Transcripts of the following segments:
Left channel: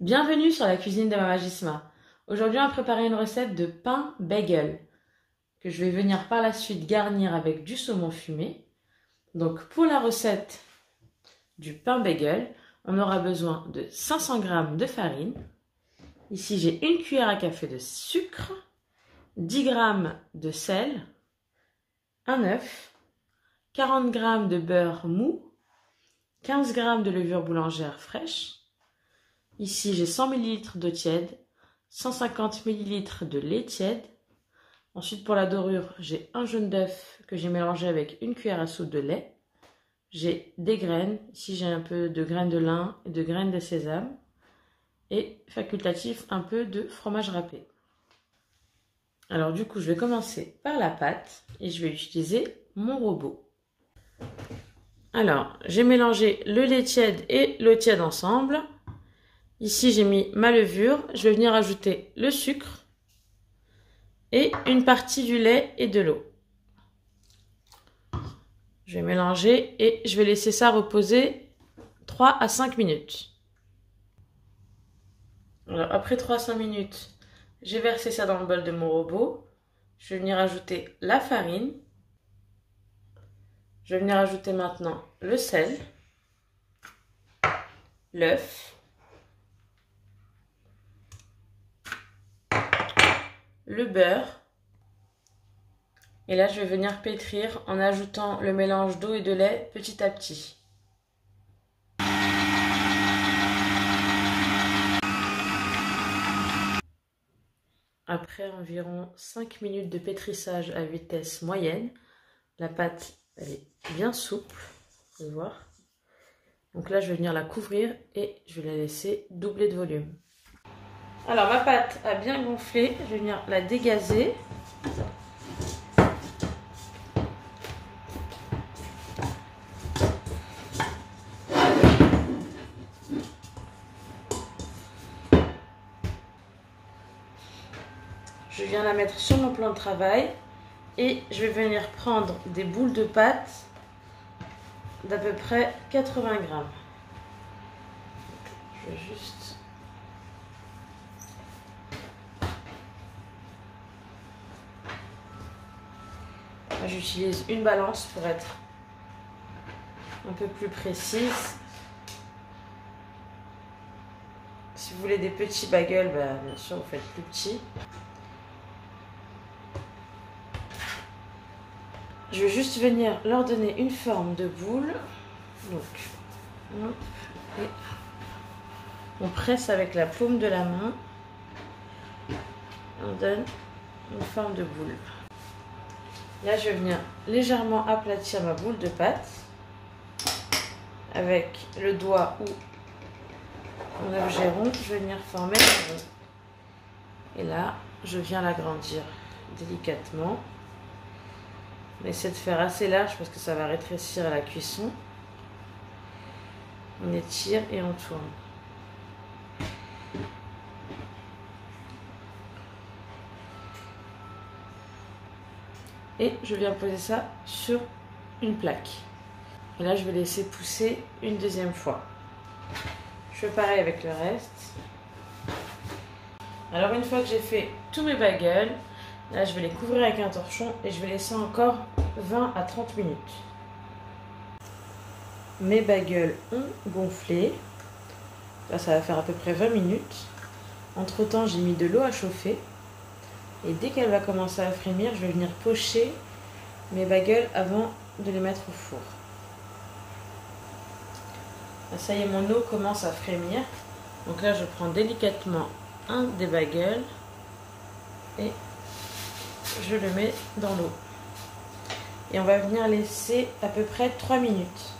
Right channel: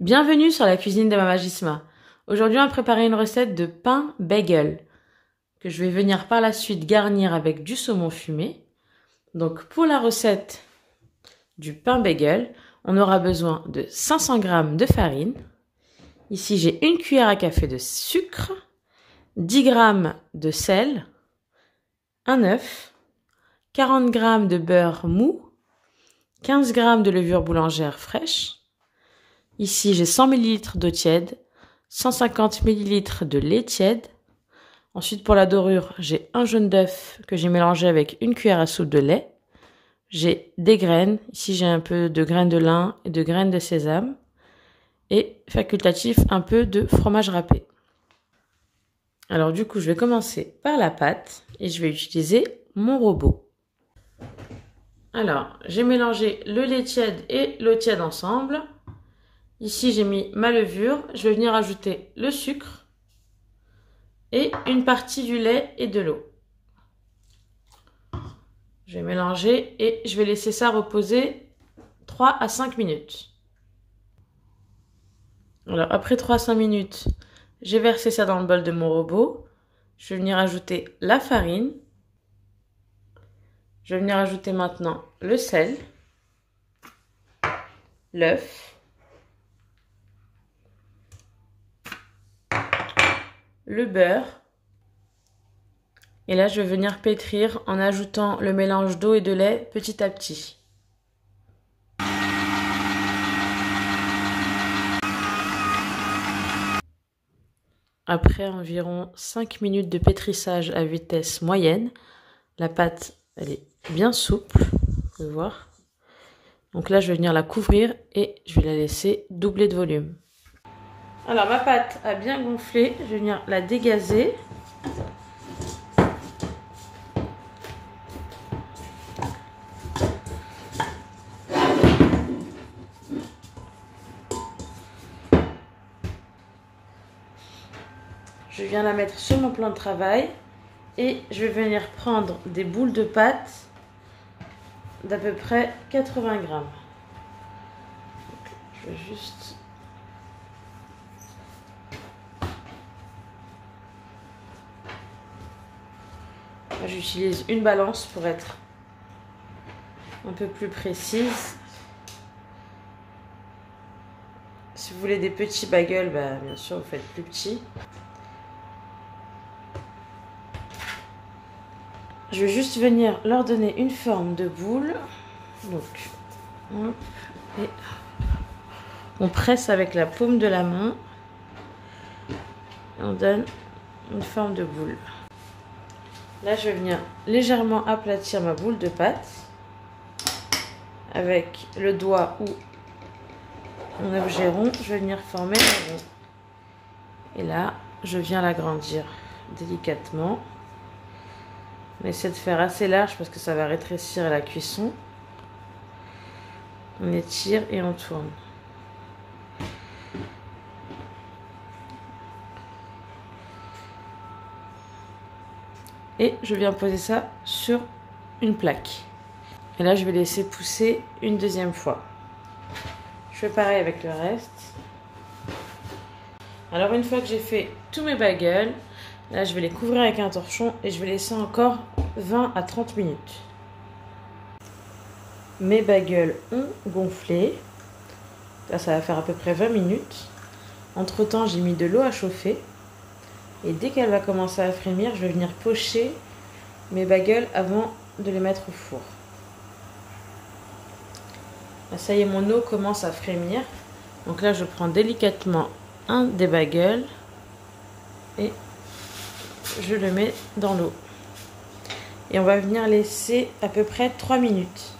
Bienvenue sur la cuisine de Mama Gisma. Aujourd'hui, on va préparer une recette de pain bagel que je vais venir par la suite garnir avec du saumon fumé. Donc, pour la recette du pain bagel, on aura besoin de 500 g de farine. Ici, j'ai une cuillère à café de sucre, 10 g de sel, un œuf, 40 g de beurre mou, 15 g de levure boulangère fraîche. Ici, j'ai 100 ml d'eau tiède, 150 ml de lait tiède. Ensuite, pour la dorure, j'ai un jaune d'œuf que j'ai mélangé avec une cuillère à soupe de lait. J'ai des graines. Ici, j'ai un peu de graines de lin et de graines de sésame. Et facultatif, un peu de fromage râpé. Alors du coup, je vais commencer par la pâte et je vais utiliser mon robot. Alors, j'ai mélangé le lait tiède et l'eau tiède ensemble. Ici, j'ai mis ma levure. Je vais venir ajouter le sucre et une partie du lait et de l'eau. Je vais mélanger et je vais laisser ça reposer 3 à 5 minutes. Alors, après 3 à 5 minutes, j'ai versé ça dans le bol de mon robot. Je vais venir ajouter la farine. Je vais venir ajouter maintenant le sel, l'œuf, le beurre. Et là, je vais venir pétrir en ajoutant le mélange d'eau et de lait petit à petit. Après environ 5 minutes de pétrissage à vitesse moyenne, la pâte elle est bien souple, vous pouvez voir. Donc là, je vais venir la couvrir et je vais la laisser doubler de volume. Alors ma pâte a bien gonflé, je vais venir la dégazer. Je viens la mettre sur mon plan de travail et je vais venir prendre des boules de pâte d'à peu près 80 g. Je vais juste... J'utilise une balance pour être un peu plus précise. Si vous voulez des petits bagels, bien sûr, vous faites plus petit. Je vais juste venir leur donner une forme de boule. Donc, et on presse avec la paume de la main. On donne une forme de boule. Là, je vais venir légèrement aplatir ma boule de pâte avec le doigt ou mon objet rond. Je vais venir former un rond. Et là, je viens l'agrandir délicatement. On essaie de faire assez large parce que ça va rétrécir à la cuisson. On étire et on tourne. Et je viens poser ça sur une plaque. Et là, je vais laisser pousser une deuxième fois. Je fais pareil avec le reste. Alors, une fois que j'ai fait tous mes bagels, là, je vais les couvrir avec un torchon et je vais laisser encore 20 à 30 minutes. Mes bagels ont gonflé. Là, ça va faire à peu près 20 minutes. Entre-temps, j'ai mis de l'eau à chauffer. Et dès qu'elle va commencer à frémir, je vais venir pocher mes bagels avant de les mettre au four. Là, ça y est, mon eau commence à frémir. Donc là, je prends délicatement un des bagels et je le mets dans l'eau. Et on va venir laisser à peu près 3 minutes.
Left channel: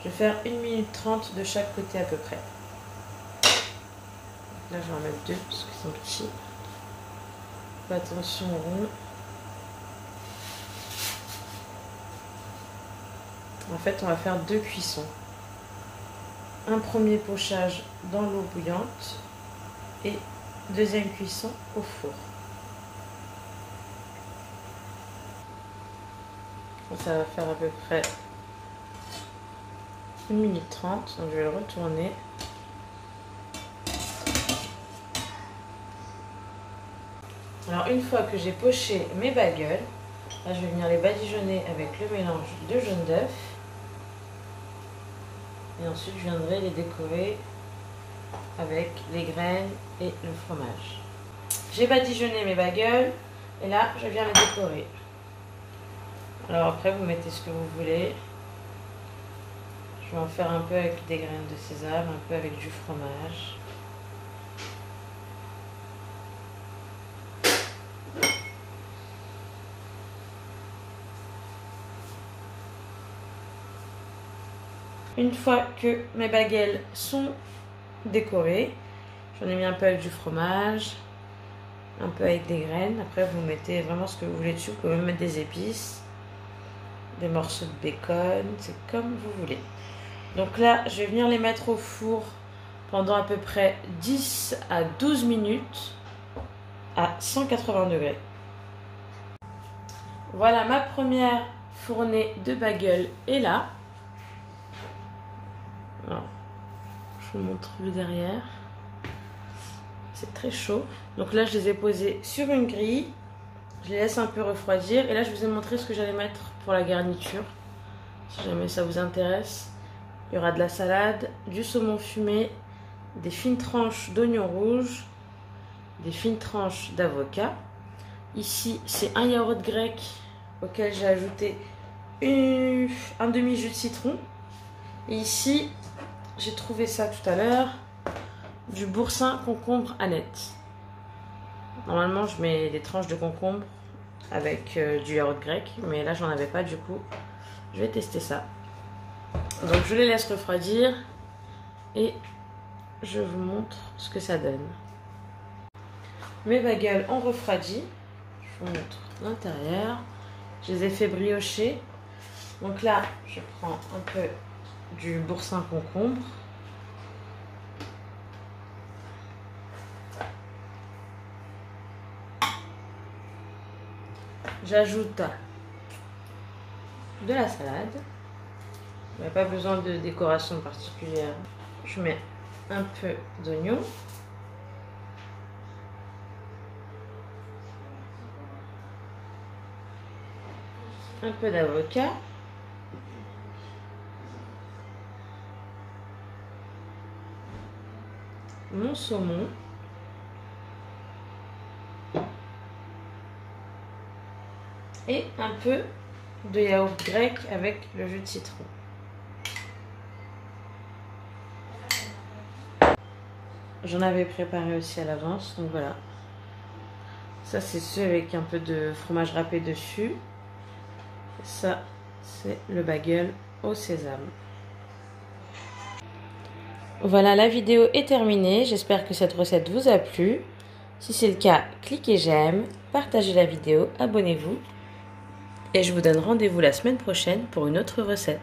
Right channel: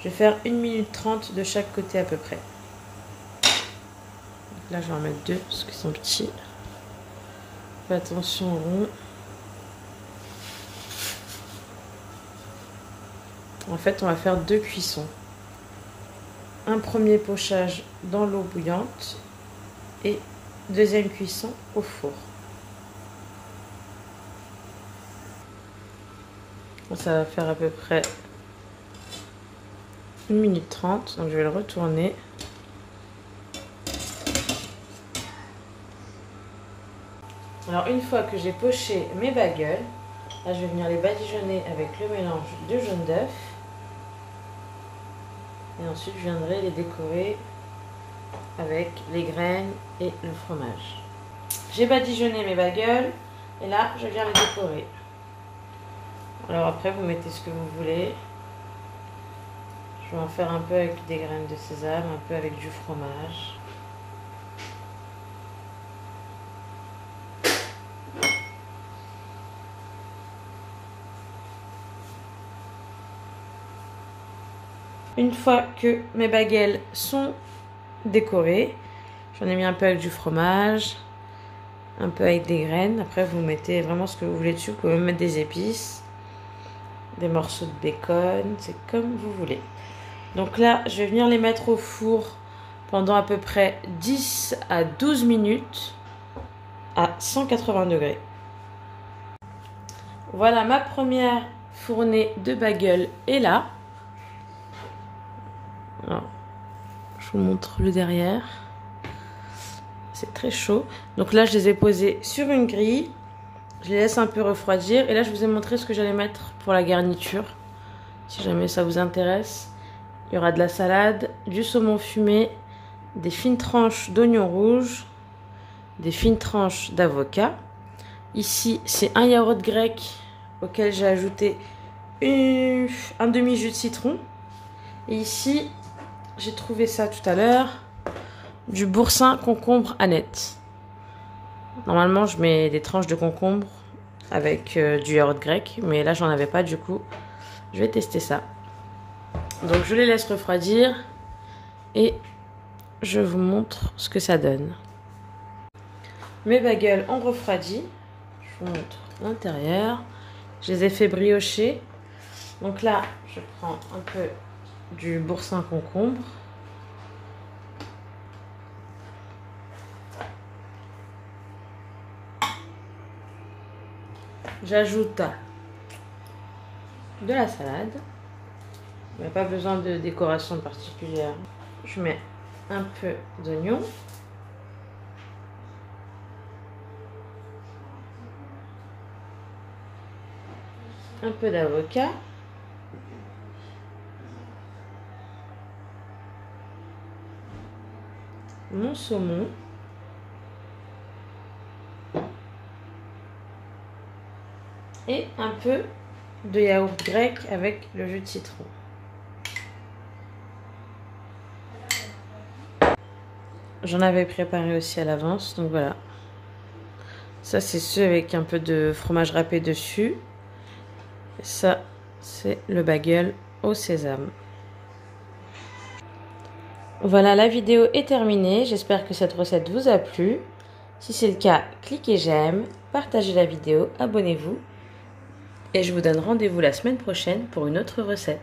Je vais faire 1 minute 30 de chaque côté à peu près. Donc là, je vais en mettre 2 parce qu'ils sont petits. Fais attention au rond. En fait, on va faire 2 cuissons. Un premier pochage dans l'eau bouillante et deuxième cuisson au four. Ça va faire à peu près 1 minute 30. Donc je vais le retourner. Alors une fois que j'ai poché mes bagels, là je vais venir les badigeonner avec le mélange de jaune d'œuf. Et ensuite je viendrai les décorer avec les graines et le fromage. J'ai badigeonné mes bagels et là je viens les décorer. Alors après vous mettez ce que vous voulez. Je vais en faire un peu avec des graines de sésame, un peu avec du fromage. Une fois que mes bagels sont décorés, j'en ai mis un peu avec du fromage, un peu avec des graines. Après, vous mettez vraiment ce que vous voulez dessus. Vous pouvez mettre des épices, des morceaux de bacon, c'est comme vous voulez. Donc là, je vais venir les mettre au four pendant à peu près 10 à 12 minutes à 180 degrés. Voilà, ma première fournée de bagels est là. Alors, je vous montre le derrière. C'est très chaud. Donc là, je les ai posés sur une grille. Je les laisse un peu refroidir. Et là, je vous ai montré ce que j'allais mettre pour la garniture. Si jamais ça vous intéresse. Il y aura de la salade, du saumon fumé, des fines tranches d'oignons rouges, des fines tranches d'avocat. Ici, c'est un yaourt grec auquel j'ai ajouté un demi-jus de citron. Et ici, j'ai trouvé ça tout à l'heure, du boursin concombre Annette. Normalement, je mets des tranches de concombre avec du yaourt grec, mais là, j'en avais pas, du coup, je vais tester ça. Donc, je les laisse refroidir et je vous montre ce que ça donne. Mes bagels ont refroidi. Je vous montre l'intérieur. Je les ai fait briocher. Donc là, je prends un peu du boursin concombre. J'ajoute de la salade. Il n'y a pas besoin de décoration particulière. Je mets un peu d'oignon. Un peu d'avocat. Mon saumon. Et un peu de yaourt grec avec le jus de citron. J'en avais préparé aussi à l'avance, donc voilà. Ça, c'est ceux avec un peu de fromage râpé dessus. Et ça, c'est le bagel au sésame. Voilà, la vidéo est terminée. J'espère que cette recette vous a plu. Si c'est le cas, cliquez j'aime, partagez la vidéo, abonnez-vous. Et je vous donne rendez-vous la semaine prochaine pour une autre recette.